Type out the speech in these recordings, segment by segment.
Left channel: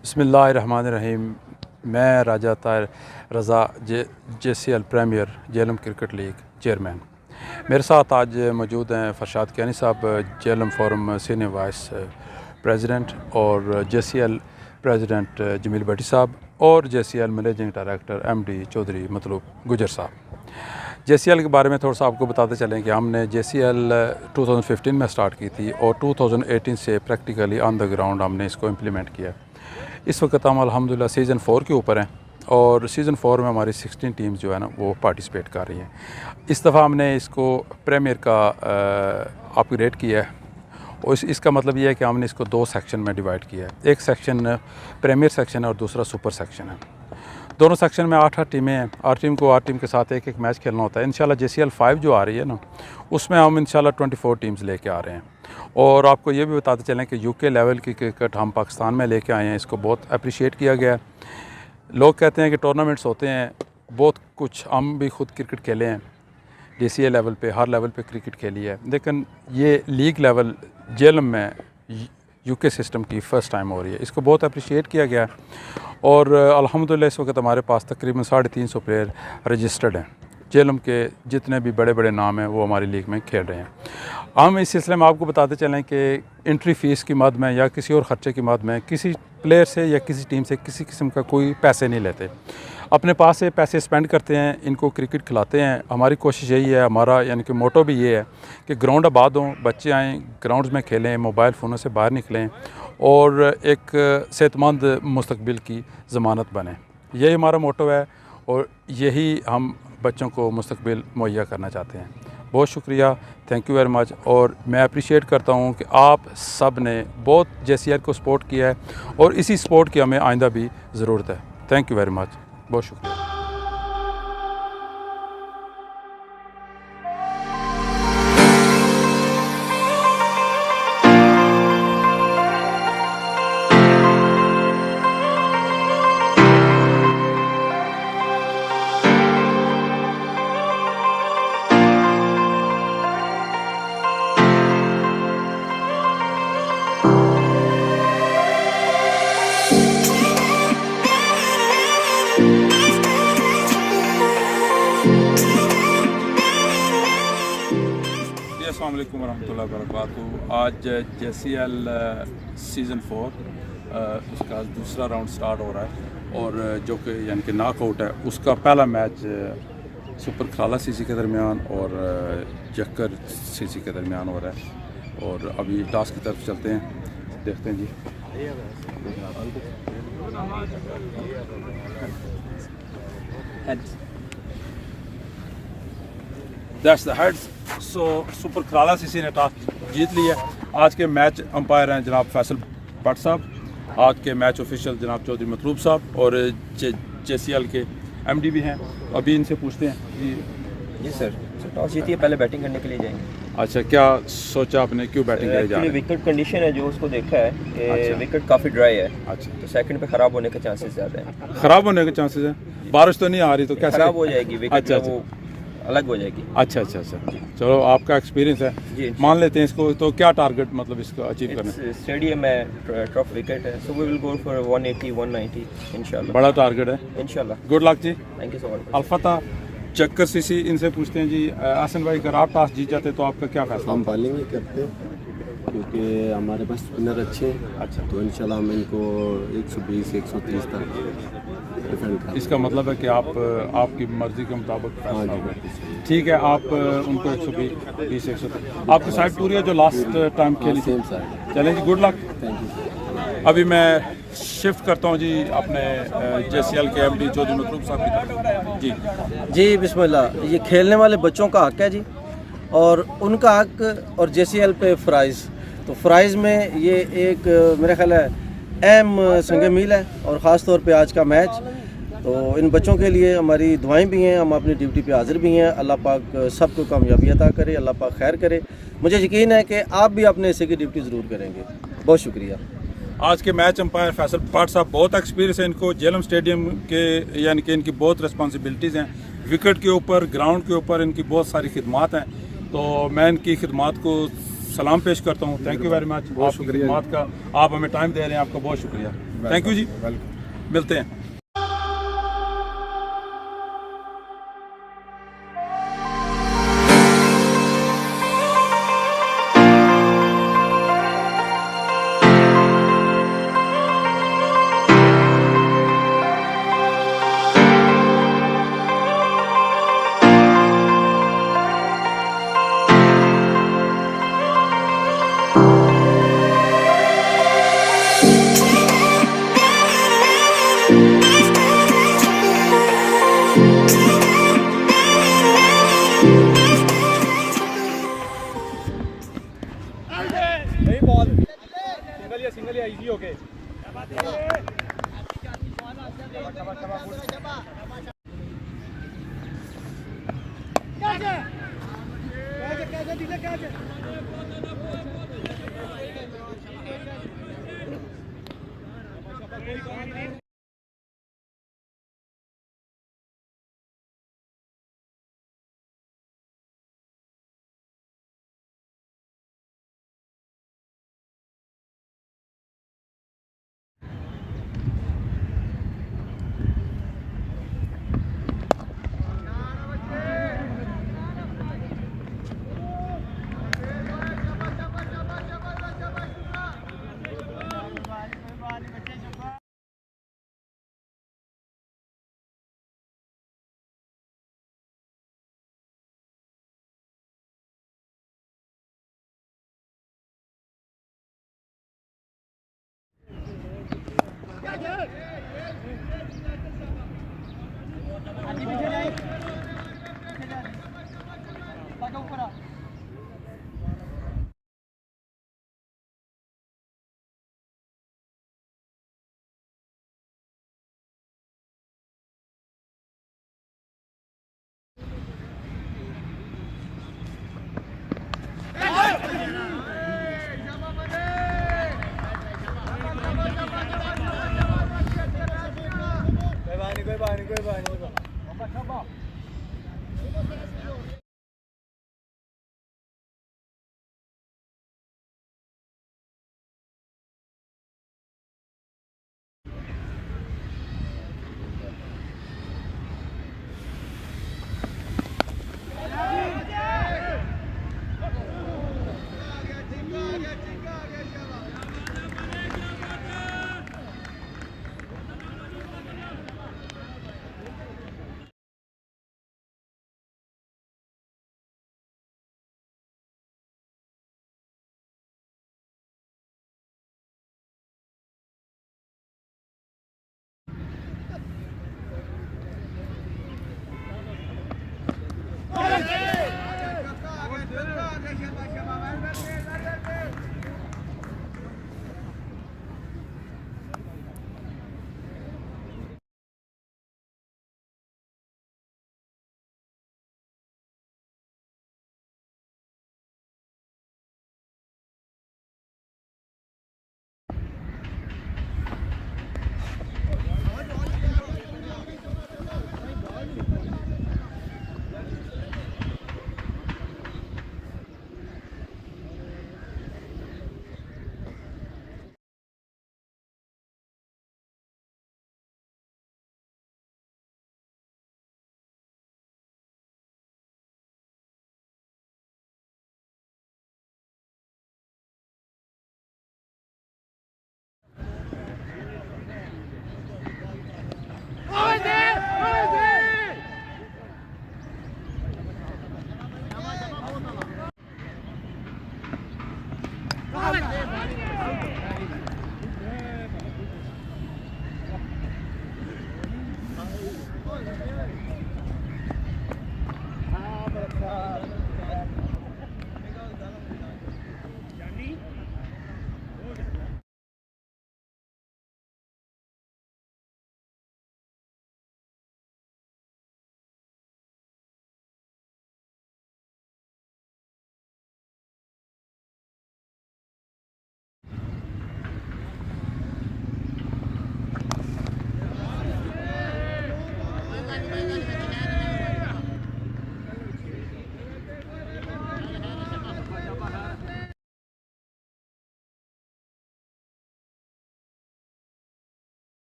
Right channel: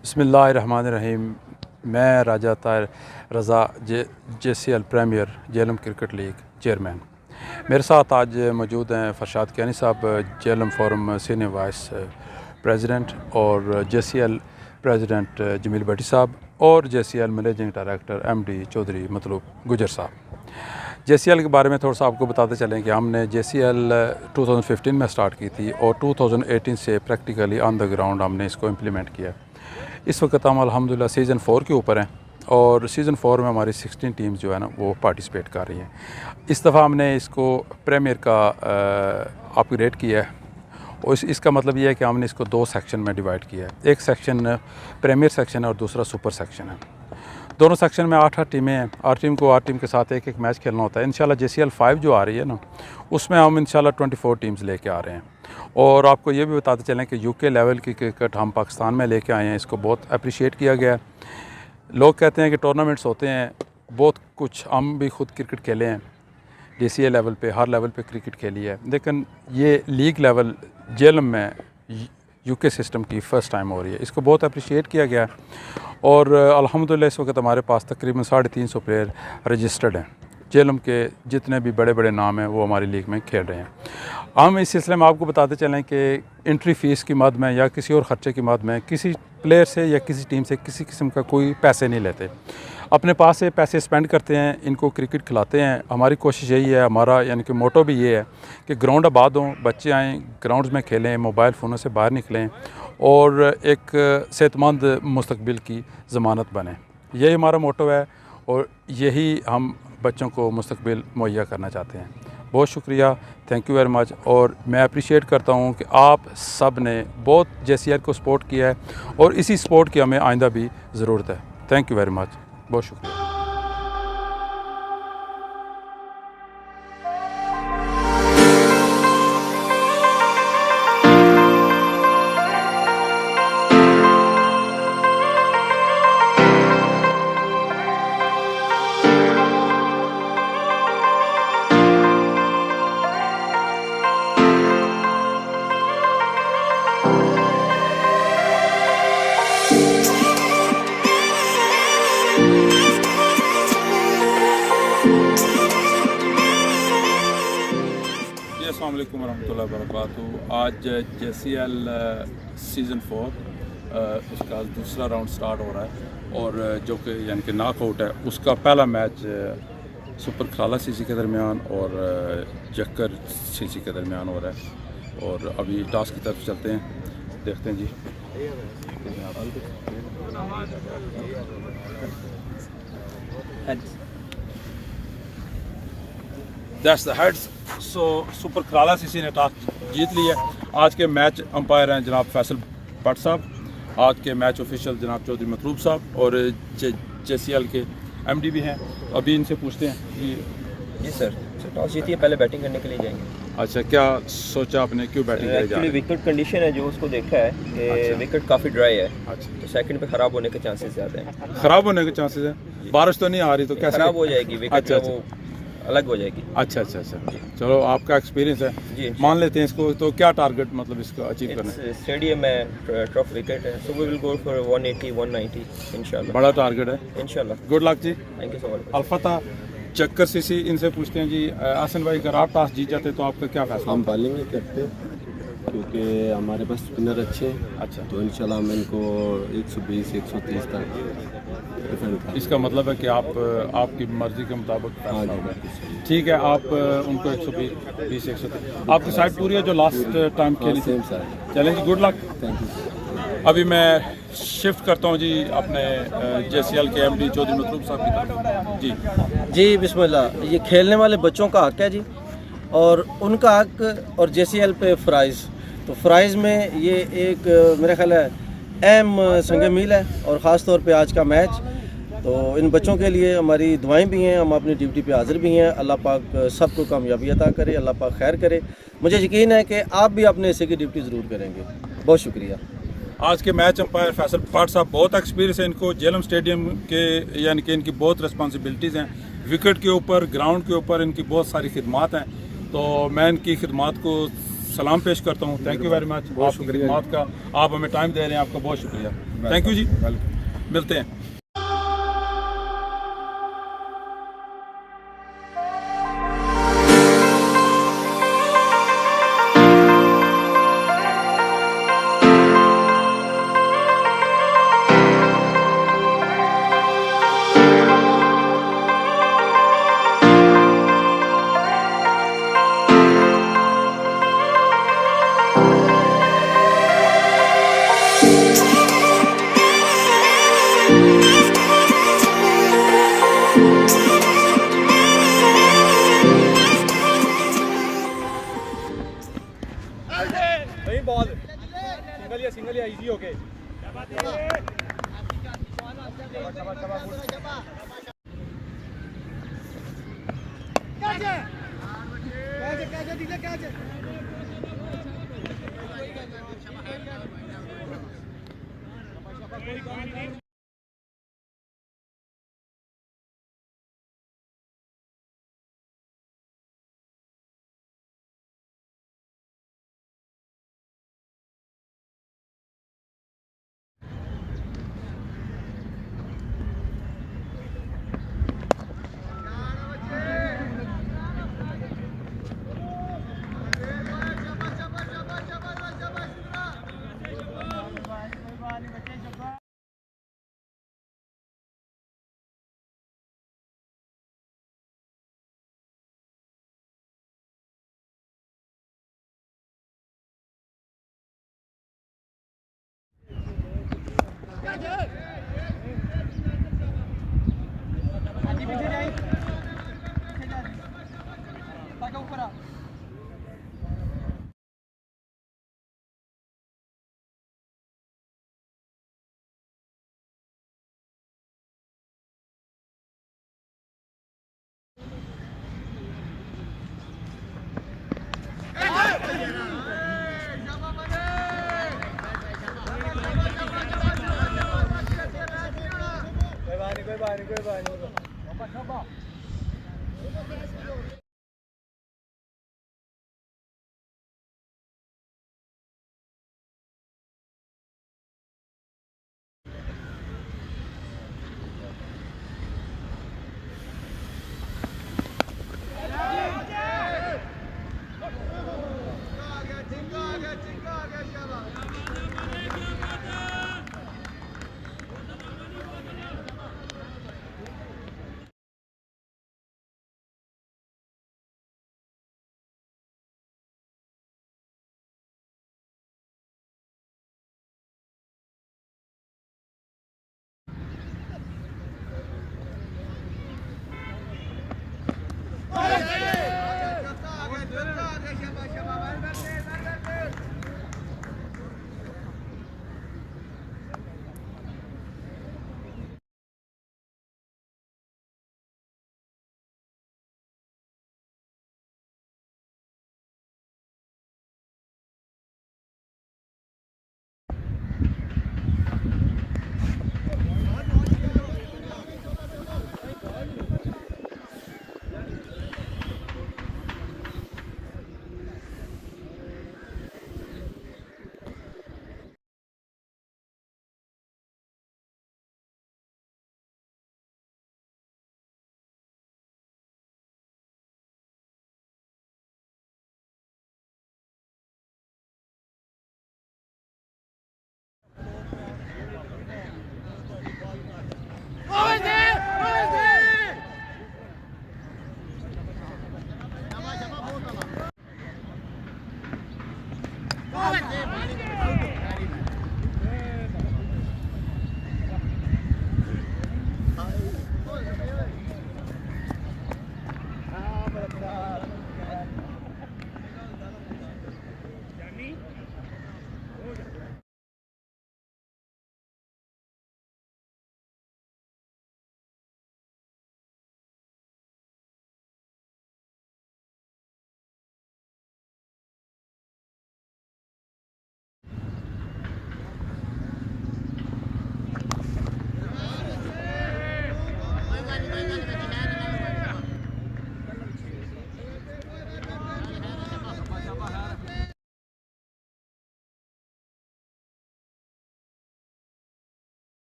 बिस्मिल्लाहिर्रहमानिर्रहीम। मैं Raja Tahir Raza JCL premier JLM cricket league chairman. मेरे साथ आज मौजूद हैं Farshad Kiyani sahab, JLM forum senior vice president, और JCL प्रेसिडेंट जमील भट्टी साहब, और JCL managing director MD Chaudhry Matloob Gujjar sahab. JCL के बारे में थोड़ा सा आपको बताते चलें कि हमने JCL 2015 में स्टार्ट की थी और 2018 से प्रैक्टिकली ऑन द ग्राउंड हमने इसको इम्प्लीमेंट किया। इस वक्त हम अल्हम्दुलिल्लाह सीज़न 4 के ऊपर हैं और सीज़न 4 में हमारी 16 टीम्स जो है ना वो पार्टिसिपेट कर रही हैं। इस दफ़ा हमने इसको प्रीमियर का अपग्रेड किया है और इसका मतलब ये है कि हमने इसको 2 सेक्शन में डिवाइड किया है। एक सेक्शन प्रीमियर सेक्शन है और दूसरा सुपर सेक्शन है। दोनों सेक्शन में 8 टीमें हैं। 8 टीम को 8 टीम के साथ एक मैच खेलना होता है। इंशाल्लाह JCL 5 जो आ रही है ना, उसमें हम इंशाल्लाह 24 टीम्स लेके आ रहे हैं। और आपको ये भी बताते चलें कि UK लेवल की क्रिकेट हम पाकिस्तान में लेके आए हैं। इसको बहुत अप्रिशिएट किया गया है। लोग कहते हैं कि टूर्नामेंट्स होते हैं बहुत कुछ, हम भी खुद क्रिकेट खेले हैं JCL लेवल पे, हर लेवल पे क्रिकेट खेली है, लेकिन ये लीग लेवल जेएलएम में UK सिस्टम की फ़र्स्ट टाइम हो रही है। इसको बहुत अप्रिशिएट किया गया है और अल्हम्दुलिल्लाह इस वक्त हमारे पास तकरीबन 350 प्लेयर रजिस्टर्ड हैं। जेएलएम के जितने भी बड़े बड़े नाम हैं वो हमारी लीग में खेल रहे हैं। हम इस सिलसिले में आपको बताते चलें कि एंट्री फ़ीस की मद में या किसी और ख़र्चे की मद में किसी प्लेयर से या किसी टीम से किसी किस्म का कोई पैसे नहीं लेते। अपने पास से पैसे स्पेंड करते हैं, इनको क्रिकेट खिलाते हैं। हमारी कोशिश यही है, हमारा यानी कि मोटो भी ये है कि ग्राउंड आबाद हों, बच्चे आएँ ग्राउंड्स में खेलें, मोबाइल फ़ोनों से बाहर निकलें और एक सेहतमंद मुस्तकबिल की ज़मानत बने। यही हमारा मोटो है और यही हम बच्चों को मुस्तकबिल मुहैया करना चाहते हैं। बहुत शुक्रिया, थैंक यू वेरी मच। और मैं अप्रिशिएट करता हूँ कि आप सब ने बहुत JCL को सपोर्ट किया है और इसी सपोर्ट की हमें आइंदा भी ज़रूरत है। थैंक यू वेरी मच, बहुत शुक्रिया। अस्सलाम वालेकुम रहमतुल्लाहि व बरकातुहू। आज JCL सीज़न 4 उसका दूसरा राउंड स्टार्ट हो रहा है और जो कि यानी कि नॉकआउट है, उसका पहला मैच सुपर खराला CC के दरमियान और जक्कर CC के दरमियान हो रहा है। और अभी टॉस की तरफ चलते हैं, देखते हैं जी। That's the heads. So super Kharala CC ने टॉस जीत लिया। आज के मैच अंपायर हैं जनाब फैसल भट्ट साहब, आज के मैच ऑफिशियल जनाब चौधरी मतलूब साहब और JCL के MD भी हैं। अभी इनसे पूछते हैं जी सर टॉस जीती है, पहले बैटिंग करने के लिए जाएंगे। अच्छा, क्या सोचा आपने, क्यों बैटिंग करने जा रहे हैं? विकेट कंडीशन है जो उसको देखा है कि विकेट काफ़ी ड्राई है। अच्छा, तो सेकंड पे ख़राब होने के चांसेस ज़्यादा हैं। ख़राब होने के चांसेस हैं? बारिश तो नहीं आ रही तो कैसे ख़राब हो जाएगी विकेट? अच्छा, वो अलग हो जाएगी। अच्छा अच्छा अच्छा, चलो आपका एक्सपीरियंस है जी, मान लेते हैं इसको। तो क्या टारगेट मतलब इसको अचीव करना? स्टेडियम में टफ विकेट है, so we will go for 180 190 इंशाल्लाह। बड़ा टारगेट है इंशाल्लाह। गुड लक जी, थैंक यू सो मच। अलफता जक्कर CC, इनसे पूछते हैं जी। आसन भाई, अगर आप टॉस जीत जाते तो आपका क्या फैसला? हम बॉलिंग ही करते क्योंकि हमारे पास स्पिनर अच्छे हैं। अच्छा, तो इंशाल्लाह हम इनको 120 130 तक डिफेंड करें। इसका मतलब है कि आप आपकी मर्जी के मुताबिक फैसला होगा। ठीक है, आप उनको 120 130 आपकी साइड पूरी है जो लास्ट टाइम खेली थी। चलें जी, गुड लक, थैंक यू। अभी मैं शिफ्ट करता हूँ जी अपने JCL के MD चौधरी मतलूब साहब की तरफ जी। बिस्मिल्लाह। ये खेलने वाले बच्चों का हक है जी, और उनका हक और JCL पे फ़राइज़, तो फ़राइज़ में ये एक मेरा ख्याल है अहम संग मील है। और ख़ास तौर पे आज का मैच, तो इन बच्चों के लिए हमारी दुआएं भी हैं, हम अपनी ड्यूटी पे हाज़िर भी हैं। अल्लाह पाक सबको कामयाबी अता करे, अल्लाह पाक खैर करे। मुझे यकीन है कि आप भी अपने हिस्से की ड्यूटी ज़रूर करेंगे। बहुत शुक्रिया। आज के मैच अंपायर फैसल भट्ट साहब, बहुत एक्सपीरियंस है इनको जेएलएम स्टेडियम के, यानी कि इनकी बहुत रिस्पॉन्सिबिलिटीज़ हैं विकेट के ऊपर, ग्राउंड के ऊपर इनकी बहुत सारी खिदमात हैं। तो मैं इनकी खिदमात को सलाम पेश करता हूँ। थैंक यू वेरी मच, बहुत शुक्रिया का। आप हमें टाइम दे रहे हैं, आपका बहुत शुक्रिया। Thank you ji, welcome. मिलते हैं।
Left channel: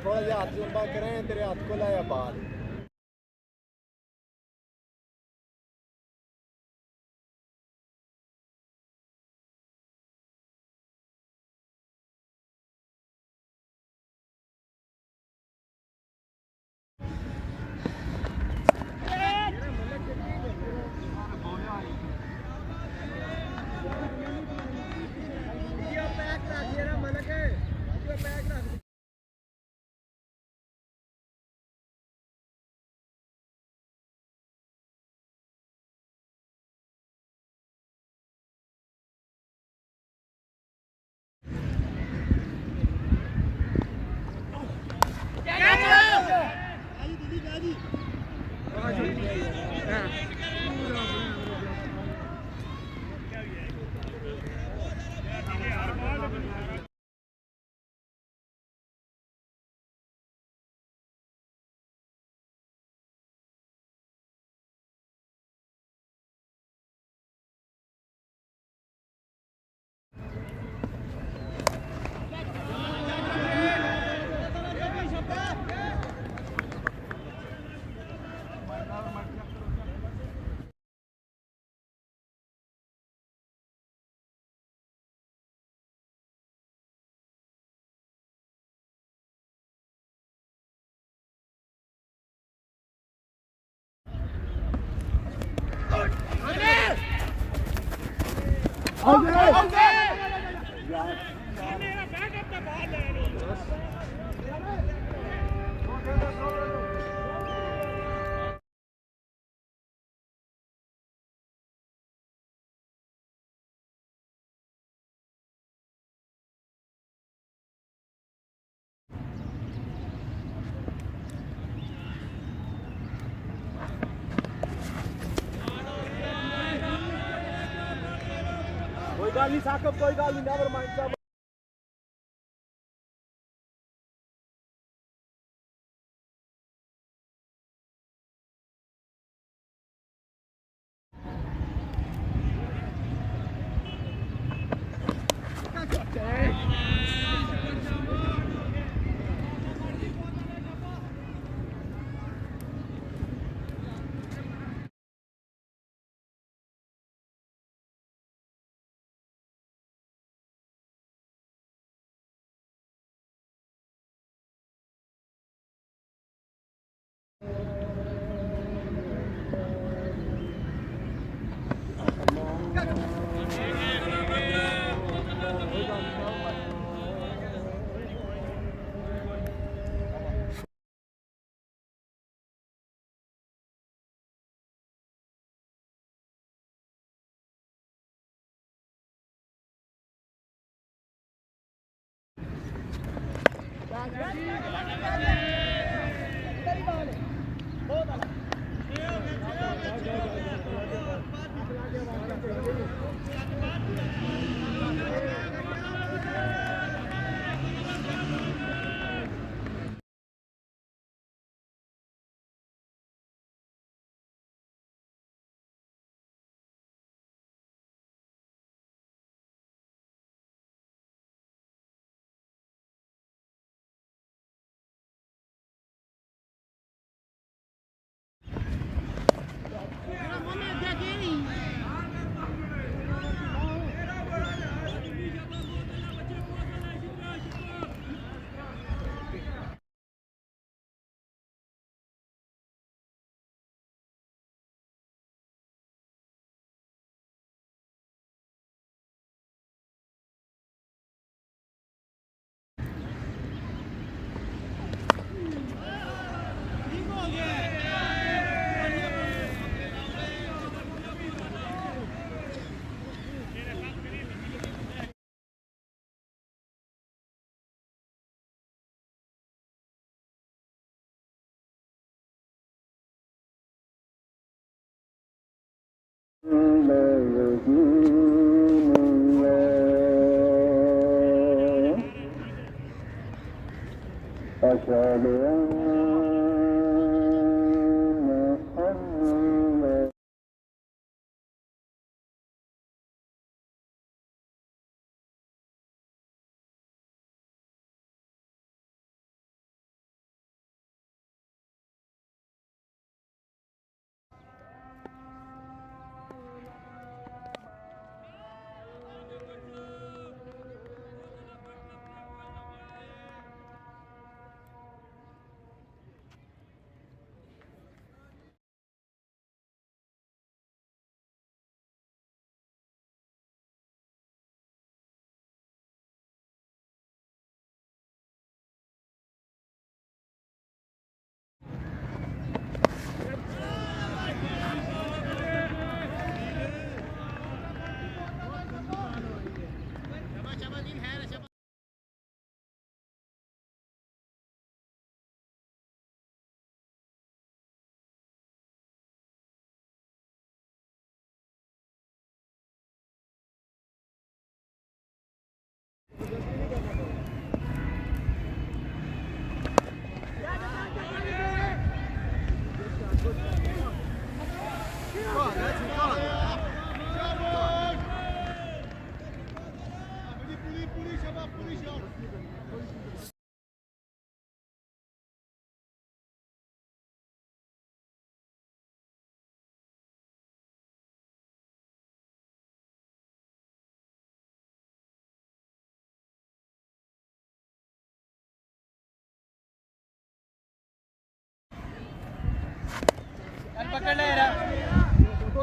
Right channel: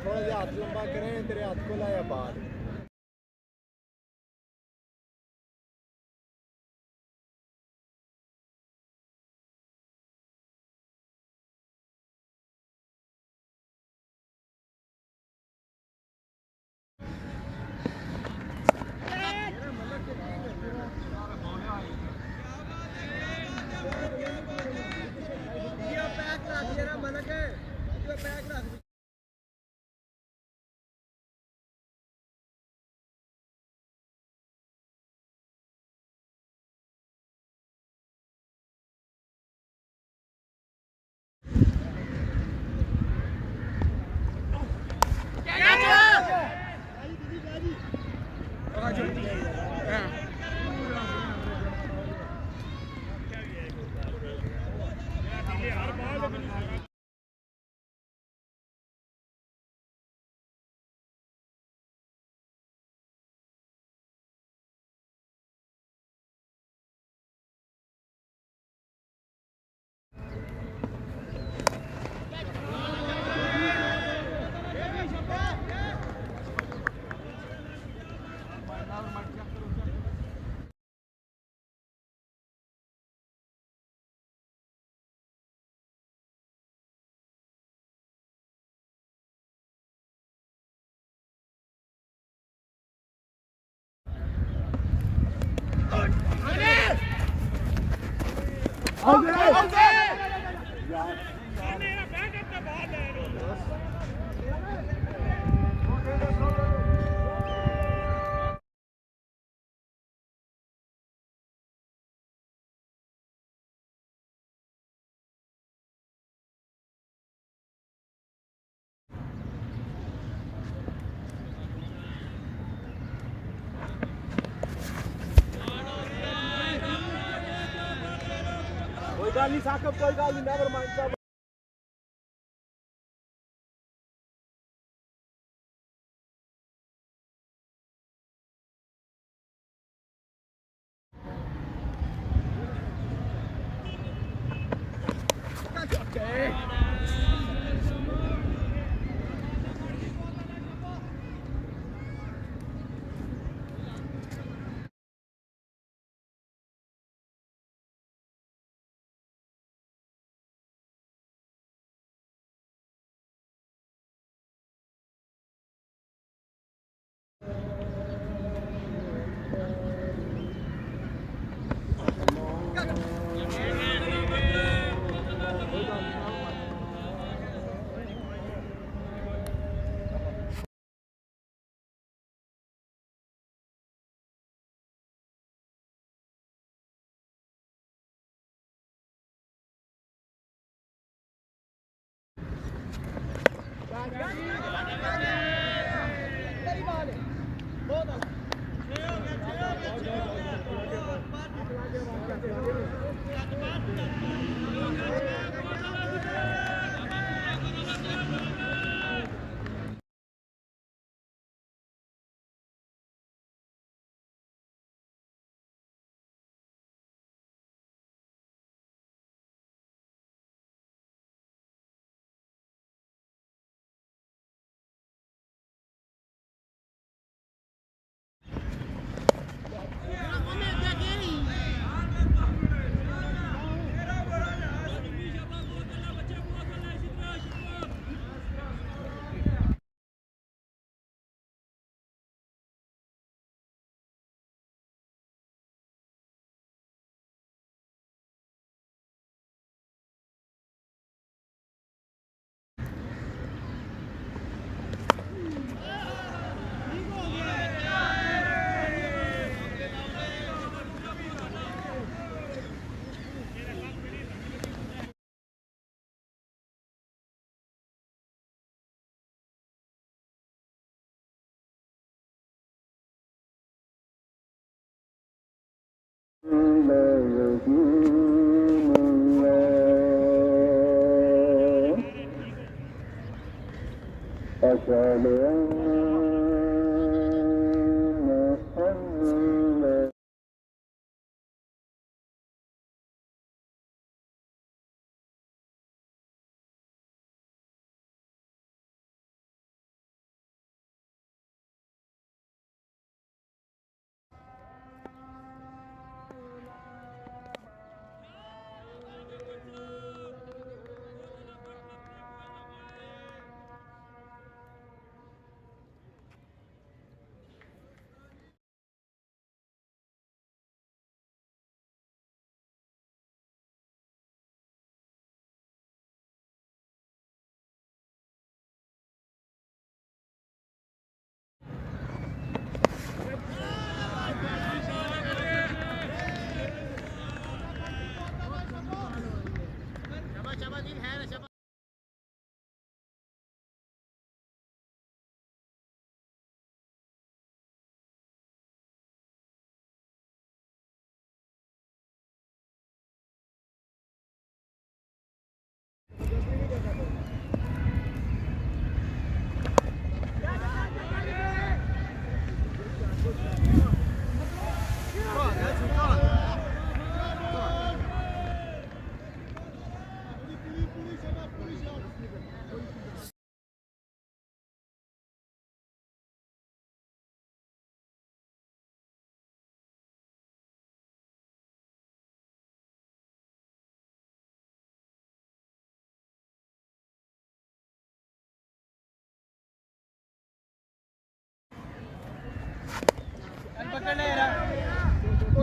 थोड़ा जिहा हाथ लंबा करें तेरे हाथ को लाया बाल कोई गल नहीं साकब, कोई गल नहीं, नेवर माइंड।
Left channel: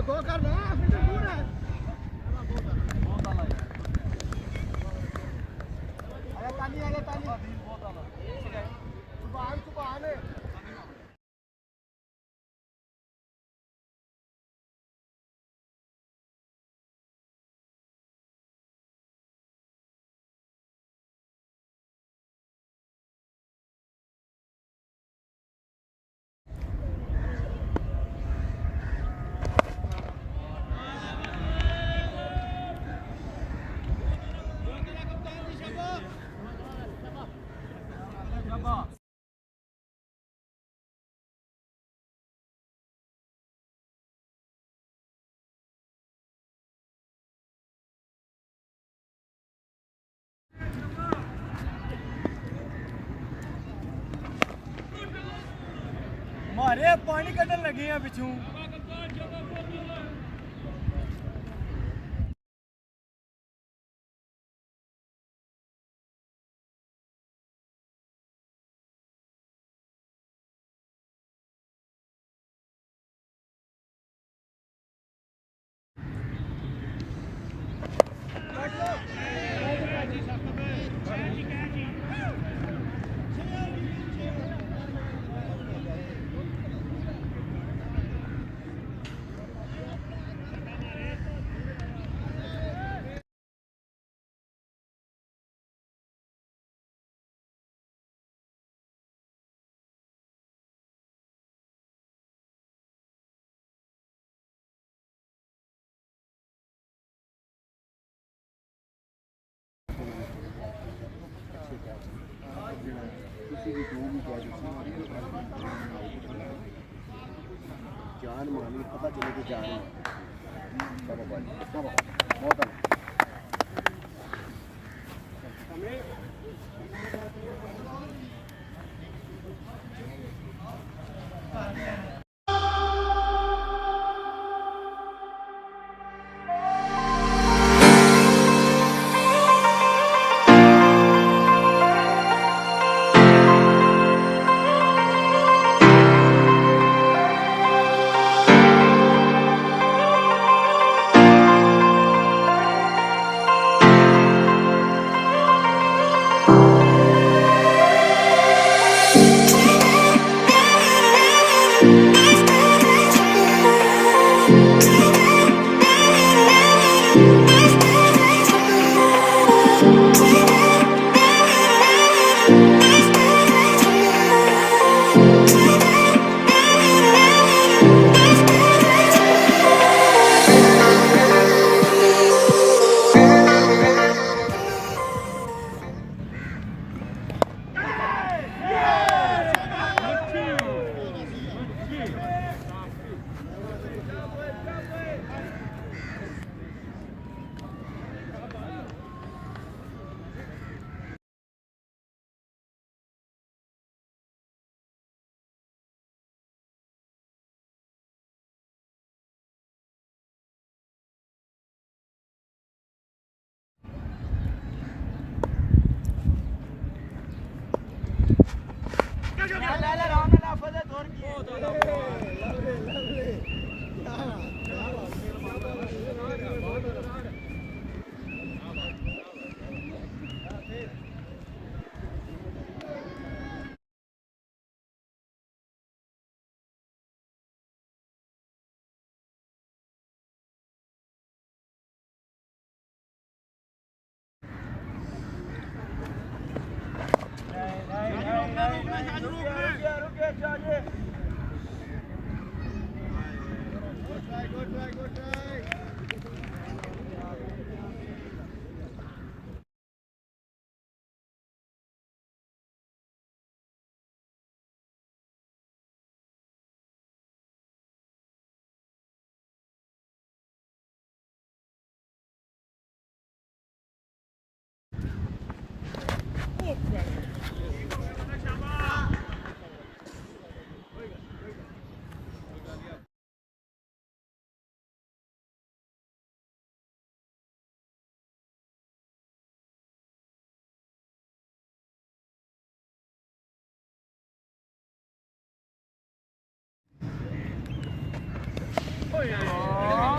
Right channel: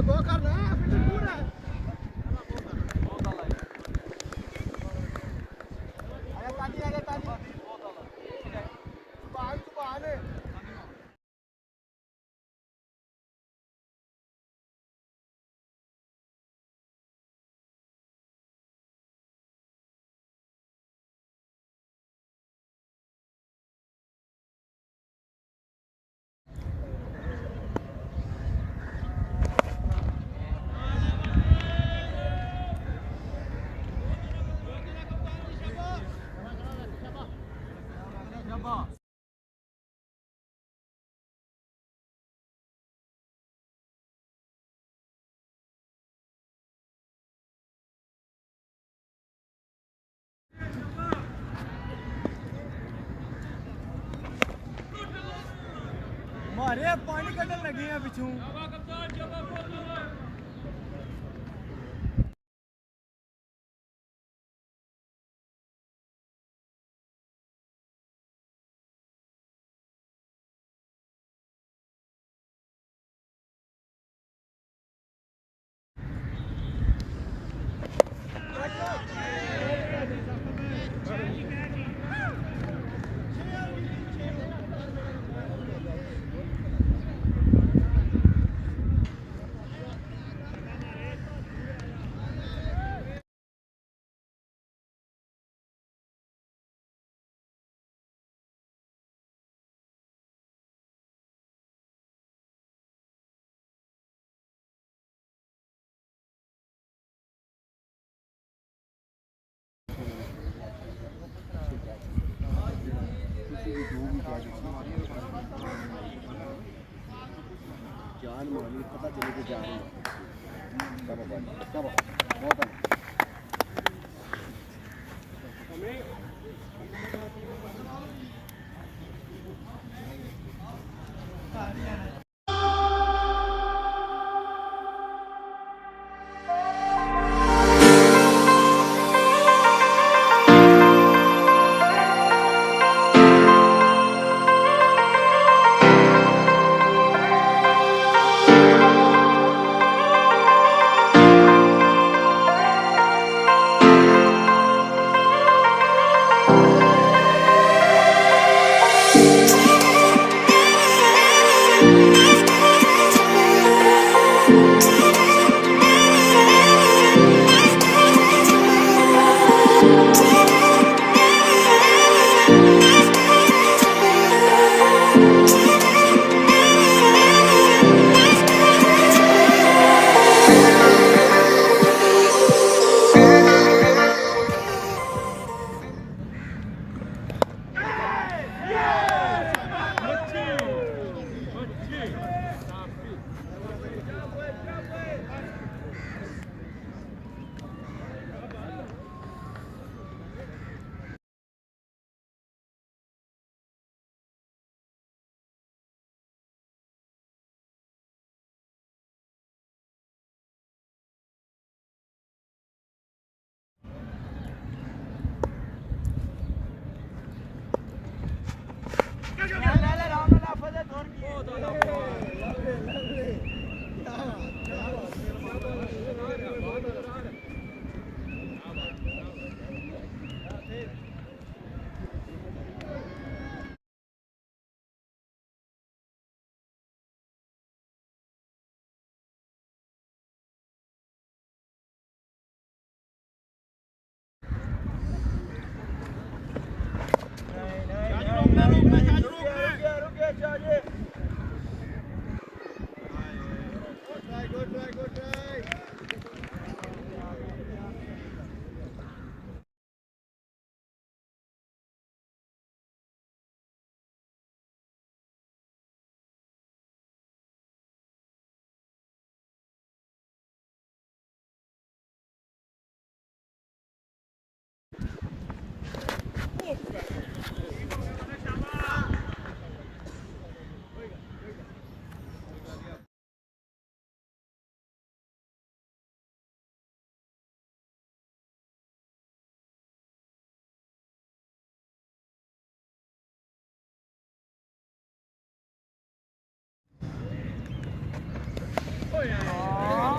दो करना मारे पानी कटन लगे हैं पिछू जान मानी पता चले कि जान मानी बहुत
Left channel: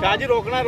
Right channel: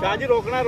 शाह जी रोकना है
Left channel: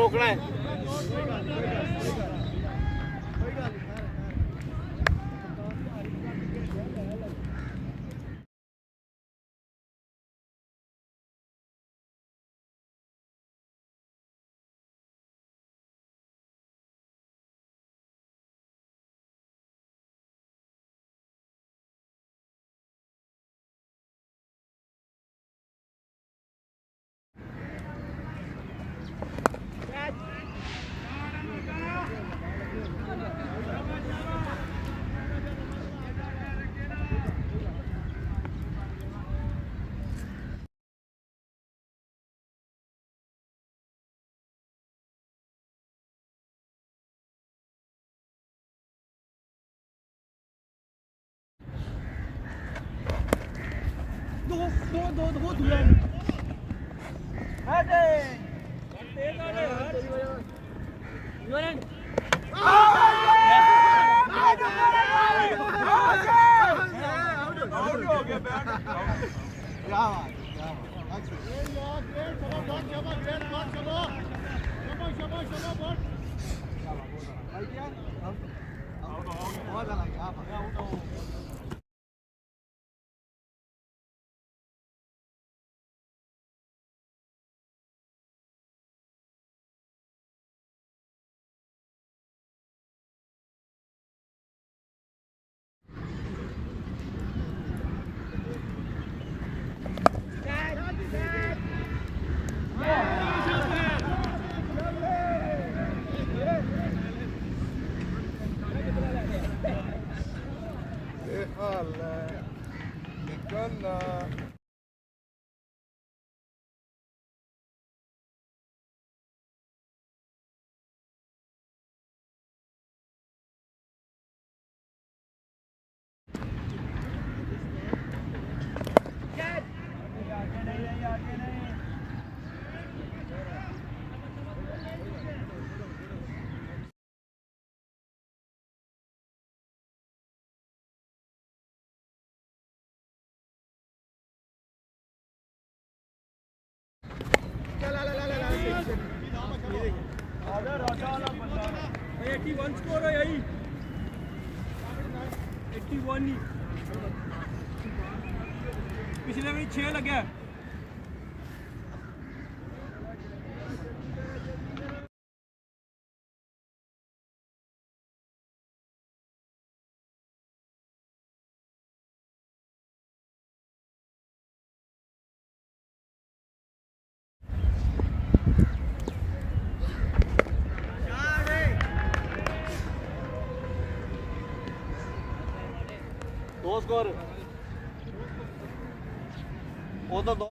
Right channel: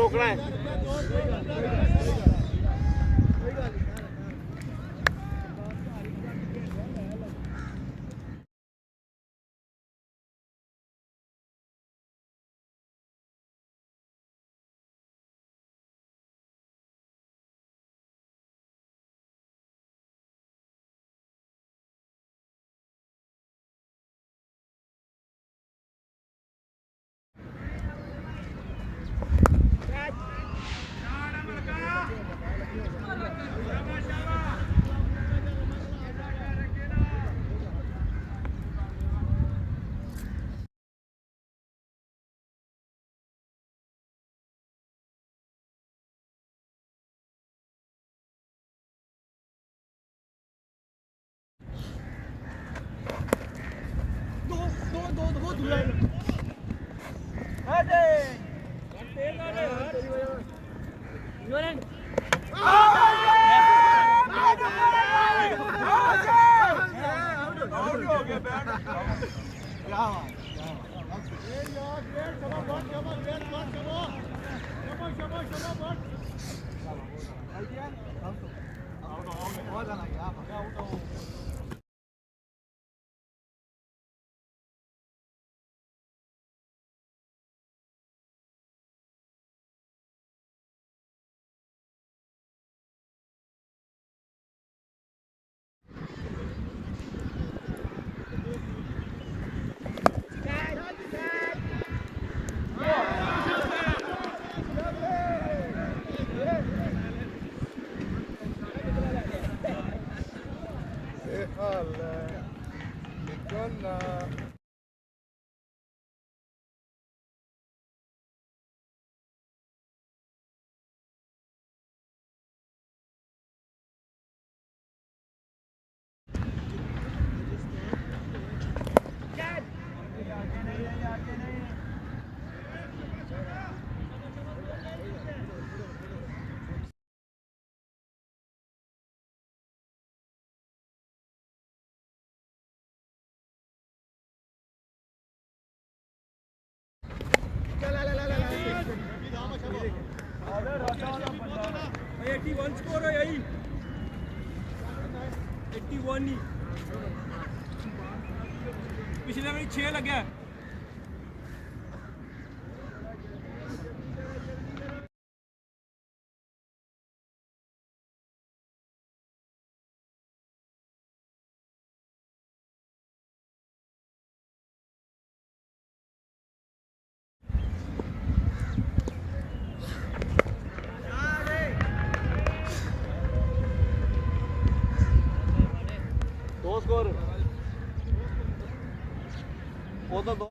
पिछले में 6 लगे दो स्कोर वो तो दो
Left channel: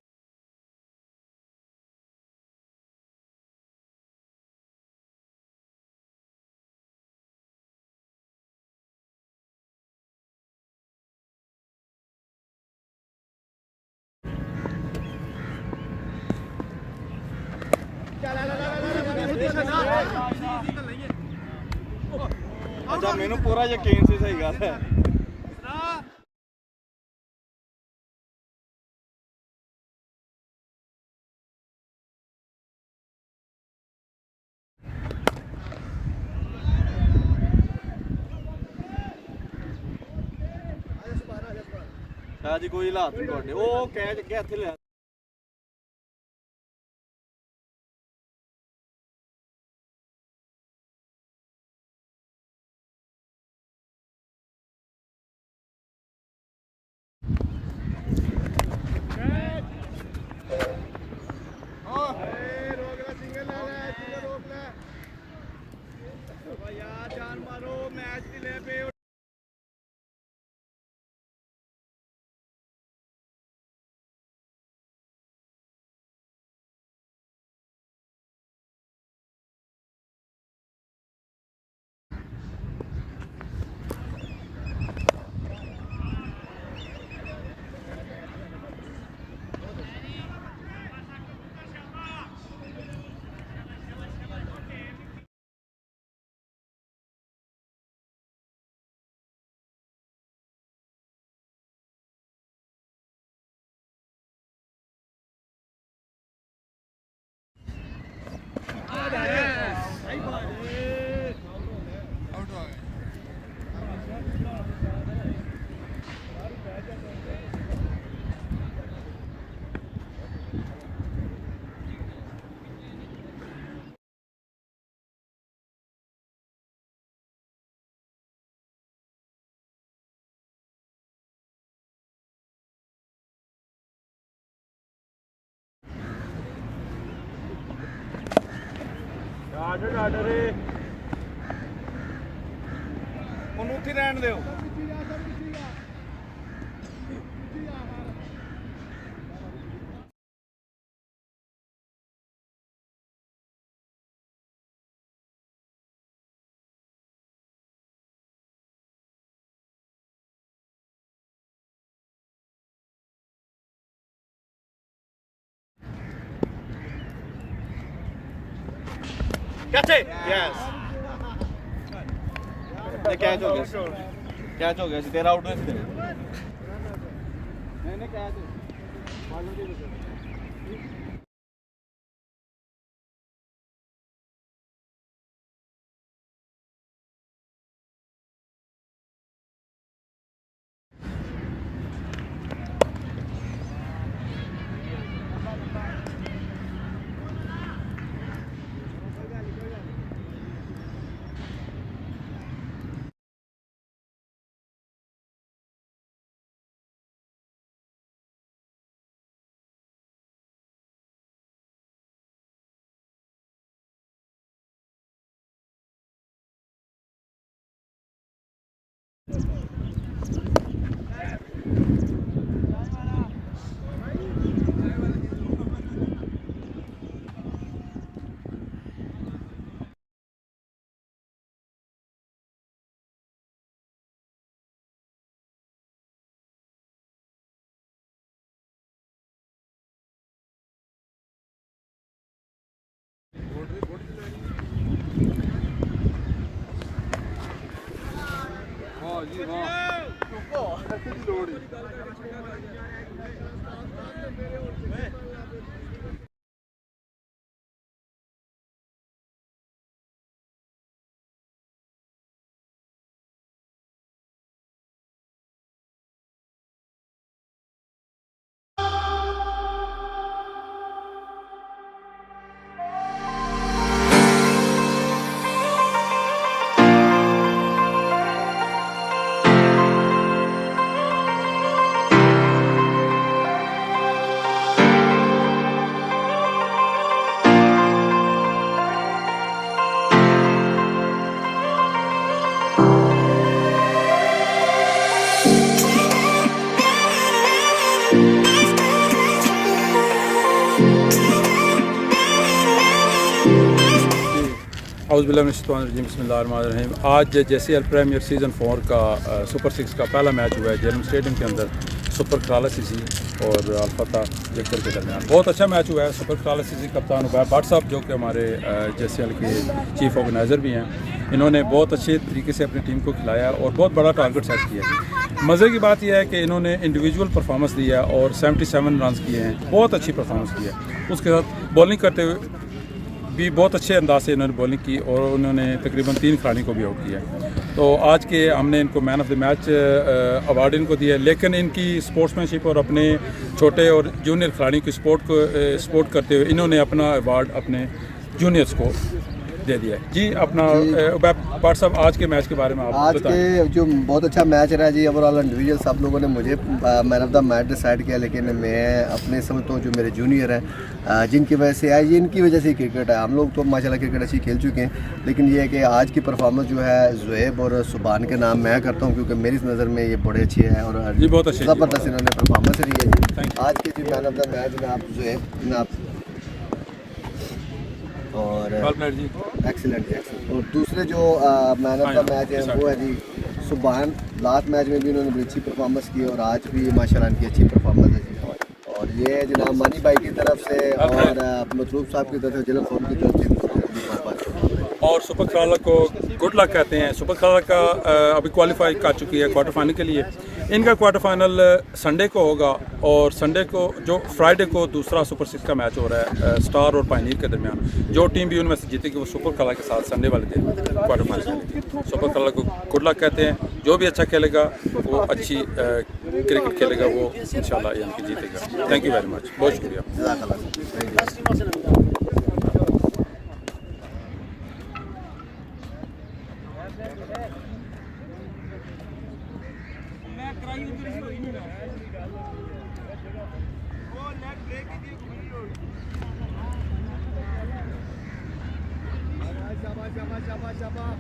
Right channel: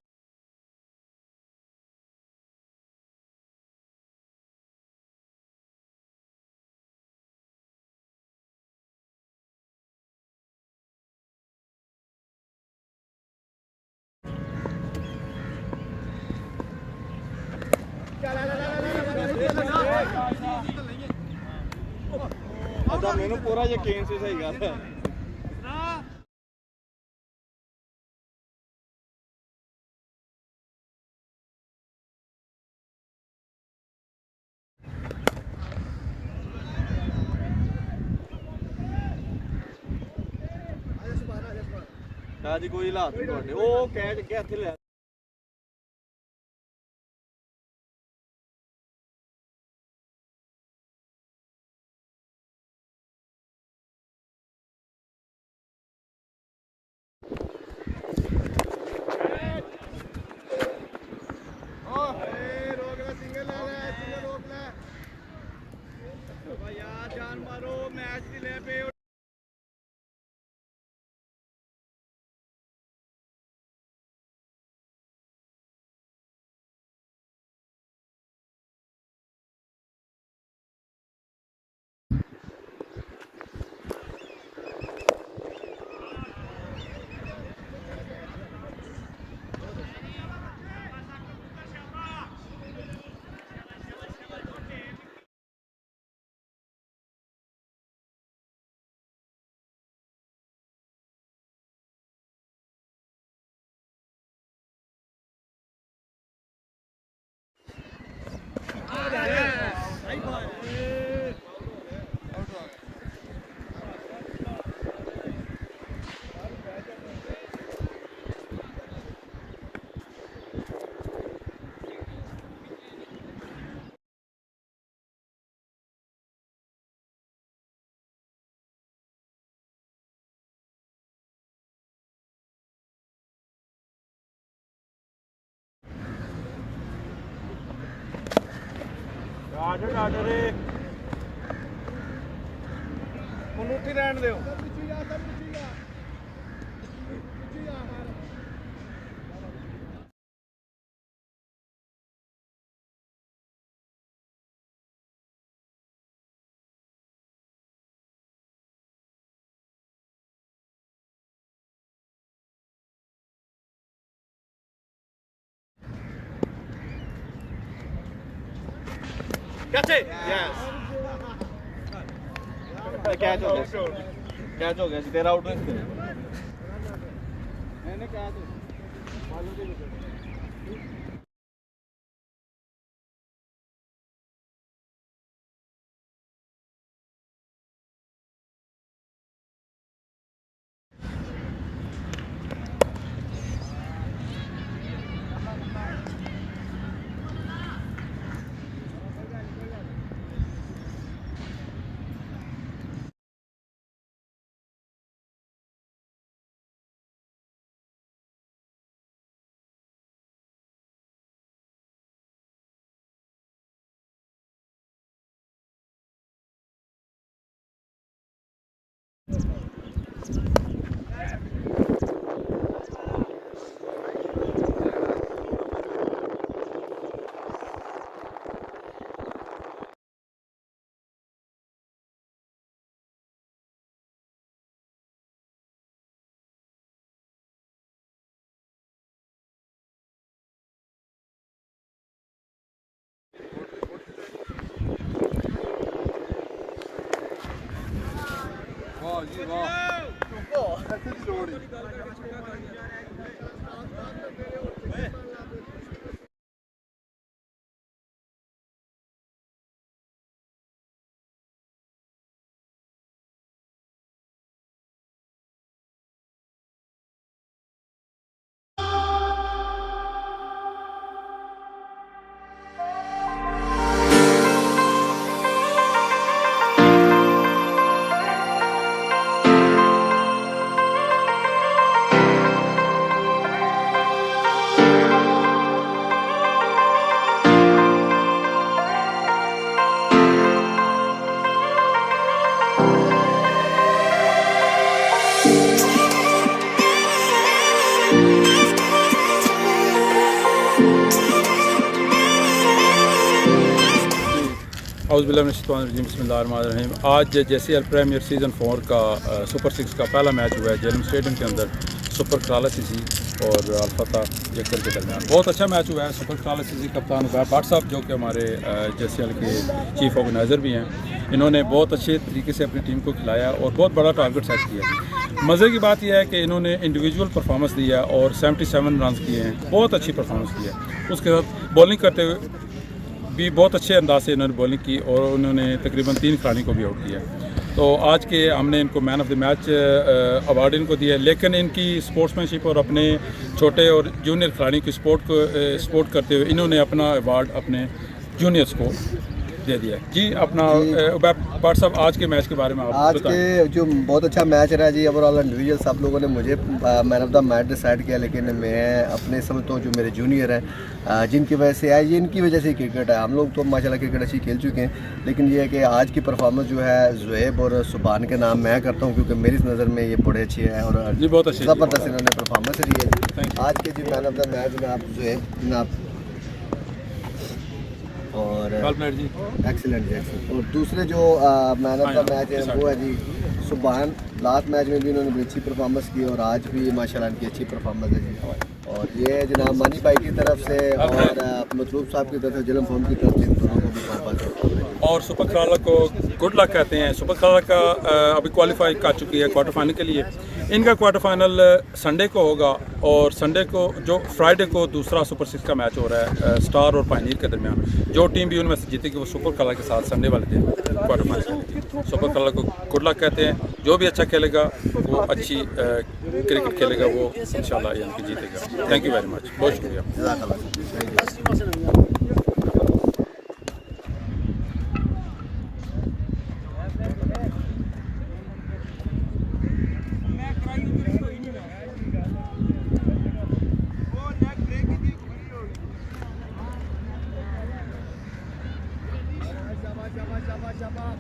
अच्छा मैंने पूरा यकीन से सही गल है जी कोई हालात नहीं ਤੁਹਾਡੇ ਉਹ ਕਹਿ ਕੇ ਇੱਥੇ ਲਿਆ ਉਹਨੂੰ ਉੱਥੇ ਰਹਿਣ ਦਿਓ कैच है यस कैच हो गया कैच हो गया जी तेरा आउट है मैंने कैच मालूम नहीं औज़ुबिल्लाहिमिनश्शैतानिर्रजीम बिस्मिल्लाहिर्रहमानिर्रहीम। आज JCL प्रीमियर सीज़न 4 का सुपर 6 का पहला मैच हुआ है जेलम स्टेडियम के अंदर सुपर कराला सीसी और अल्फता जक्कर के दरमियान। बहुत अच्छा मैच हुआ है। सुपर कराला सीसी कप्तान उबैद भट्ट साहब जो कि हमारे JCL के चीफ ऑर्गेनाइज़र भी हैं, इन्होंने बहुत अच्छे तरीके से अपनी टीम को खिलाया और बहुत बड़ा टारगेट सेट किया। मज़े की बात यह है कि इन्होंने इंडिविजुअल परफॉर्मेंस दिया और 77 रन किए हैं, बहुत अच्छी परफॉर्मेंस की है। उसके साथ बॉलिंग करते हुए भी बहुत अच्छे अंदाज से इन्होंने बॉलिंग की और उन्होंने तकरीबन 3 खिलाड़ियों को भी आउट किया। तो आज के हमने इनको man of the match award इनको दिया, लेकिन इनकी स्पोर्ट्समैनशिप और अपने छोटे और जूनियर खिलाड़ियों की सपोर्ट करते हुए इन्होंने अपना अवार्ड अपने जूनियर्स को दे दिया है। जी अपना भट्ट साहब आज के मैच के बारे में आप आज बताएं। के जो बहुत अच्छा मैच रहा जी, ओवरऑल इंडिविजुअल सब लोगों ने मुझे man of the match decide किया, लेकिन मैं अपने समझता हूँ जो मेरे जूनियर हैं जिनकी वजह से है, ये इनकी वजह से क्रिकेट है। हम लोग तो माशाल्लाह क्रिकेट अच्छी खेल चुके हैं, लेकिन ये है कि आज की परफॉर्मेंस जो है ज़ुहैब और सुबान के नाम मैं करता हूँ, क्योंकि मेरी नज़र में ये बड़े अच्छे हैं और जी बहुत अच्छे ज़बरदस्त इन्होंने परफॉर्मेंस दी है जी। आज के जो मैन ऑफ द मैच जनाब ज़ुहैब जनाब और एक्सीलेंट जी। और दूसरे जो मैन ऑफ द मैच है वो है जी सुबान। लास्ट मैच में भी उन्होंने बड़ी अच्छी परफॉर्मेंस की और आज भी माशाल्लाह इनकी अच्छी परफॉर्मेंस है जी। और ये जनाब मानी भाई की तरफ से और मतलूब साहब की तरफ से, जलम फोन की तरफ से इन दोनों को भी बहुत और सुपर कराला को गुड लक कहते हैं। सुपर कराला का अभी क्वालिफाई कर चुकी है क्वार्टर फाइनल के लिए। इनका क्वार्टर फाइनल संडे को होगा और संडे को जो फ्राइडे को दूसरा सुपर 6 का मैच हो रहा है स्टार और पायनीर के दरमियान। जो टीम भी उनमें से जीतेगी वो सुपर कराला के साथ संडे वाले दिन क्वार्टर फाइनल खेलेगी। सुपर कराला को गुड लक कहते हैं। जो भी अच्छा खेलेगा वो अच्छी क्रिकेट खेलेगा, वो इंशाल्लाह यानी कि जीतेगा। थैंक यू वेरी मच, बहुत शुक्रिया। शाबाश शाबाश शाबाश शाबाश